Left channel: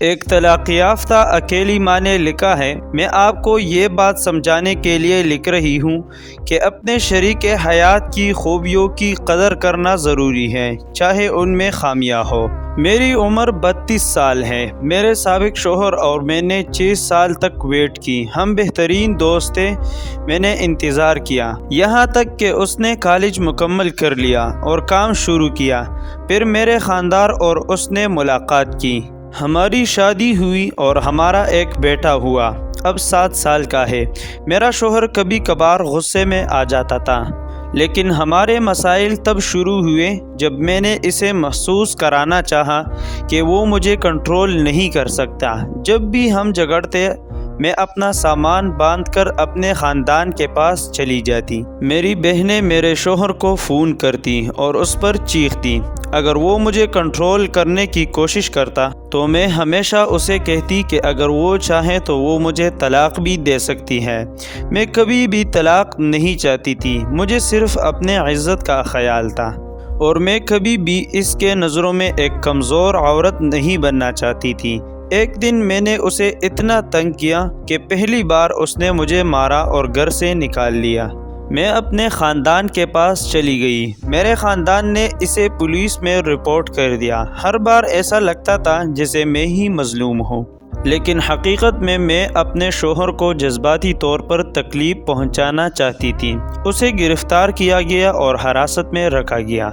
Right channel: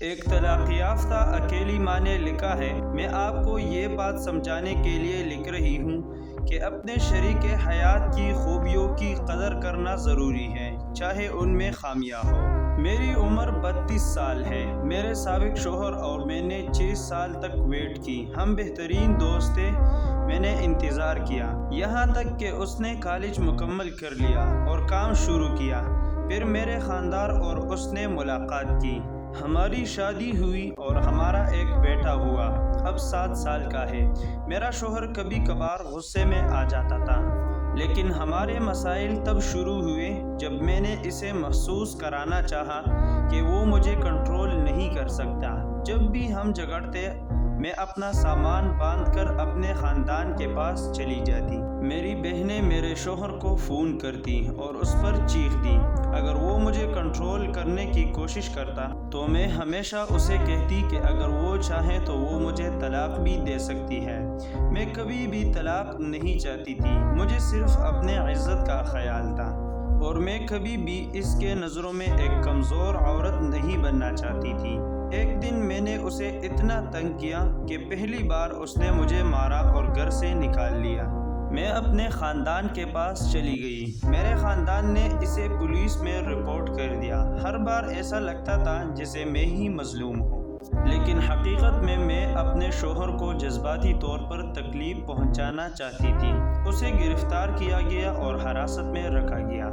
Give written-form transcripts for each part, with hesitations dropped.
ایک طلاق یافتہ اکیلی ماں نے لکھا ہے، میں آپ کو یہ بات سمجھانے کے لیے لکھ رہی ہوں کہ اپنے شریک حیات کی خوبیوں کی قدر کرنا ضروری ہے، چاہے ان میں خامیاں ہو۔ میری عمر 32 سال ہے۔ میرے سابق شوہر اور میں نے 6 سال تک ویٹ کی۔ ہم بہترین دوست تھے۔ میں نے انتظار کیا یہاں تک کہ اس نے کالج مکمل کر لیا اور کام شروع کیا۔ پھر میرے خاندان اور اس نے ملاقات کی۔ ہماری شادی ہوئی اور ہمارا ایک بیٹا ہوا، اب 7 سال کا ہے۔ میرا شوہر کبھی کبھار غصے میں آ جاتا تھا، لیکن ہمارے مسائل تب شروع ہوئے جب میں نے اسے محسوس کرانا چاہا کہ وہ مجھے کنٹرول نہیں کر سکتا۔ جب بھی ہم جھگڑتے، میں اپنا سامان باندھ کر اپنے خاندان کے پاس چلی جاتی۔ میری بہنیں میرے شوہر کو فون کرتی اور اس پر چیختی۔ اگر وہ مجھے کنٹرول کرنے کی کوشش کرتا تو میں ہمیشہ اسے کہتی کہ اگر وہ چاہے تو وہ مجھے طلاق بھی دے سکتی ہے۔ میں کبھی بھی طلاق نہیں چاہتی تھی، مجھے صرف اپنے عزت کا خیال تھا، اور میں کبھی بھی اس کے نظروں میں ایک کمزور عورت نہیں بننا چاہتی تھی۔ ایک دن میں نے اسے اتنا تنگ کیا کہ پہلی بار اس نے مجھے مارا اور گھر سے نکال لیا۔ میں اپنے خاندان کے پاس چلی گئی۔ میرے خاندان نے اسے پولیس میں رپورٹ کر دیا۔ ہر بار ایسا لگتا تھا جیسے میں ہی مظلوم ہوں، لیکن حقیقت میں اپنے شوہر کو جذباتی طور پر تکلیف پہنچانا چاہتی تھی۔ اسے گرفتار کیا گیا اور حراست میں رکھا گیا۔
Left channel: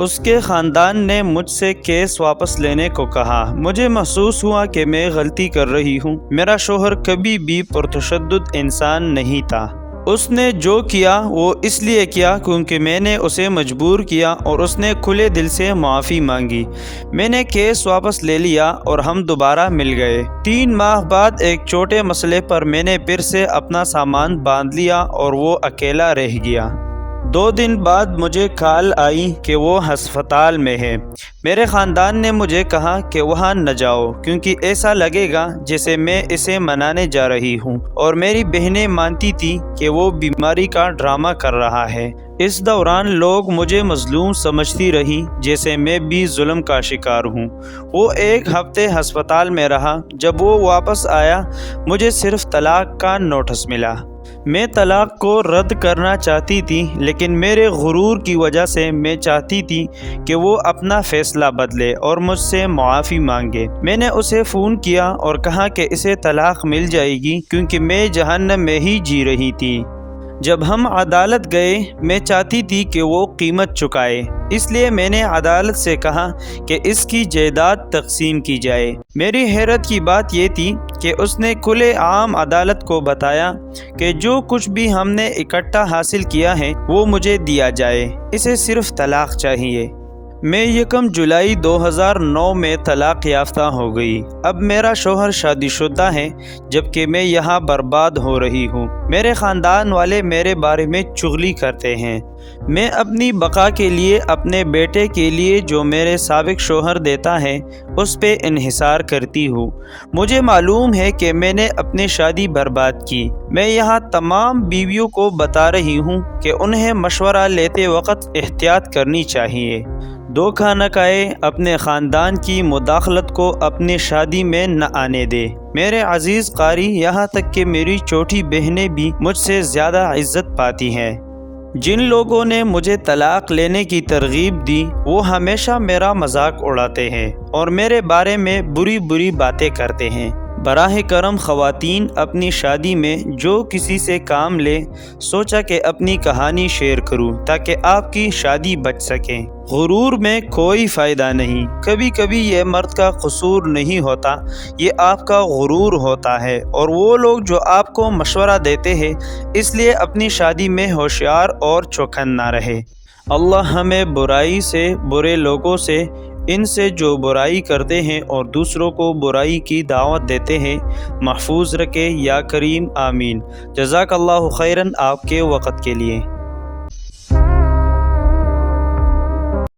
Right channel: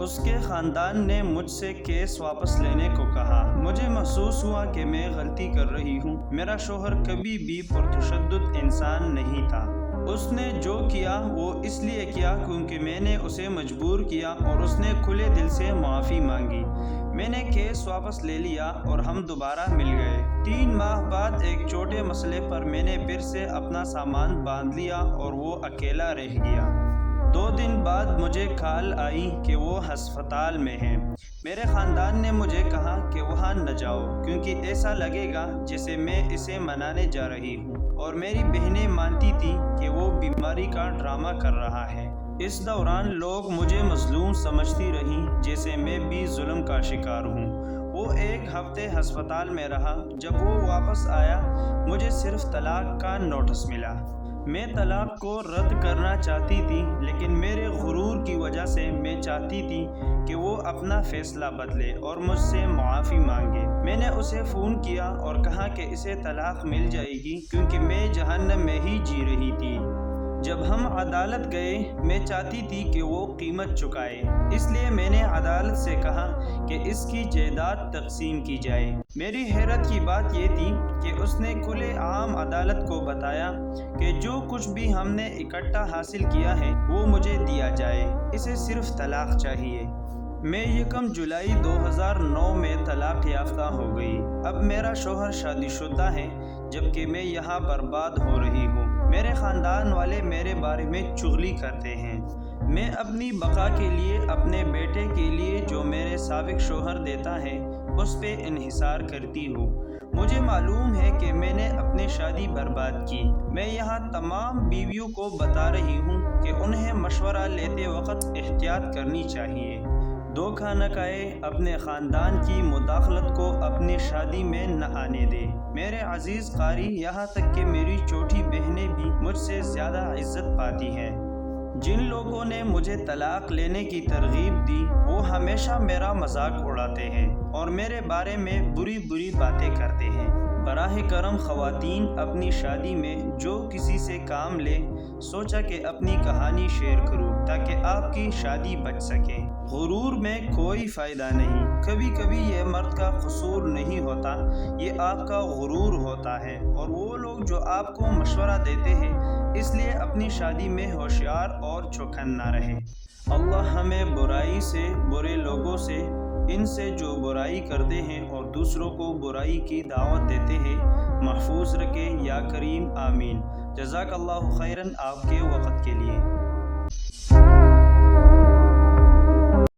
اس کے خاندان نے مجھ سے کیس واپس لینے کو کہا۔ مجھے محسوس ہوا کہ میں غلطی کر رہی ہوں۔ میرا شوہر کبھی بھی پرتشدد انسان نہیں تھا۔ اس نے جو کیا وہ اس لیے کیا کیونکہ میں نے اسے مجبور کیا، اور اس نے کھلے دل سے معافی مانگی۔ میں نے کیس واپس لے لیا اور ہم دوبارہ مل گئے۔ 3 ماہ بعد ایک چھوٹے مسئلے پر میں نے پھر سے اپنا سامان باندھ لیا اور وہ اکیلا رہ گیا۔ 2 دن بعد مجھے کال آئی کہ وہ ہسپتال میں ہے۔ میرے خاندان نے مجھے کہا کہ وہاں نہ جاؤ کیونکہ ایسا لگے گا جیسے میں اسے منانے جا رہی ہوں، اور میری بہنیں مانتی تھی کہ وہ بیماری کا ڈرامہ کر رہا ہے۔ اس دوران لوگ مجھے مظلوم سمجھتی رہی، جیسے میں بھی ظلم کا شکار ہوں۔ وہ 1 ہفتے ہسپتال میں رہا۔ جب وہ واپس آیا مجھے صرف طلاق کا نوٹس ملا۔ میں طلاق کو رد کرنا چاہتی تھی، لیکن میرے غرور کی وجہ سے میں چاہتی تھی کہ وہ اپنا فیصلہ بدلے اور مجھ سے معافی مانگے۔ میں نے اسے فون کیا اور کہا کہ اسے طلاق مل جائے گی کیونکہ میں جہنم میں ہی جی رہی تھی۔ جب ہم عدالت گئے، میں چاہتی تھی کہ وہ قیمت چکائے، اس لیے میں نے عدالت سے کہا کہ اس کی جائیداد تقسیم کی جائے۔ میری حیرت کی بات یہ تھی کہ اس نے کھلے عام عدالت کو بتایا کہ جو کچھ بھی ہم نے اکٹھا حاصل کیا ہے وہ مجھے دیا جائے، اسے صرف طلاق چاہیے۔ میں 1 جولائی 2009 میں طلاق یافتہ ہو گئی۔ اب میرا شوہر شادی شدہ ہے، جبکہ میں یہاں برباد ہو رہی ہوں۔ میرے خاندان والے میرے بارے میں چغلی کرتے ہیں۔ میں اپنی بقا کے لیے، اپنے بیٹے کے لیے جو میرے سابق شوہر دیتا ہے، اس پہ انحصار کرتی ہوں۔ مجھے معلوم ہے کہ میں نے اپنی شادی برباد کی۔ میں یہاں تمام بیویوں کو بتا رہی ہوں کہ انہیں مشورہ لیتے وقت احتیاط کرنی چاہیے۔ دھوکہ نہ کھائے، اپنے خاندان کی مداخلت کو اپنی شادی میں نہ آنے دے۔ میرے عزیز قاری، یہاں تک کہ میری چھوٹی بہنیں بھی مجھ سے زیادہ عزت پاتی ہیں۔ جن لوگوں نے مجھے طلاق لینے کی ترغیب دی وہ ہمیشہ میرا مذاق اڑاتے ہیں اور میرے بارے میں بری باتیں کرتے ہیں۔ براہ کرم خواتین، اپنی شادی میں جو کسی سے کام لے، سوچا کہ اپنی کہانی شیئر کروں تاکہ آپ کی شادی بچ سکے۔ غرور میں کوئی فائدہ نہیں۔ کبھی کبھی یہ مرد کا قصور نہیں ہوتا، یہ آپ کا غرور ہوتا ہے، اور وہ لوگ جو آپ کو مشورہ دیتے ہیں، اس لیے اپنی شادی میں ہوشیار اور چوکنا رہے۔ اللہ ہمیں برائی سے، برے لوگوں سے، ان سے جو برائی کرتے ہیں اور دوسروں کو برائی کی دعوت دیتے ہیں، محفوظ رکھے۔ یا کریم، آمین۔ جزاک اللہ خیراً آپ کے وقت کے لیے۔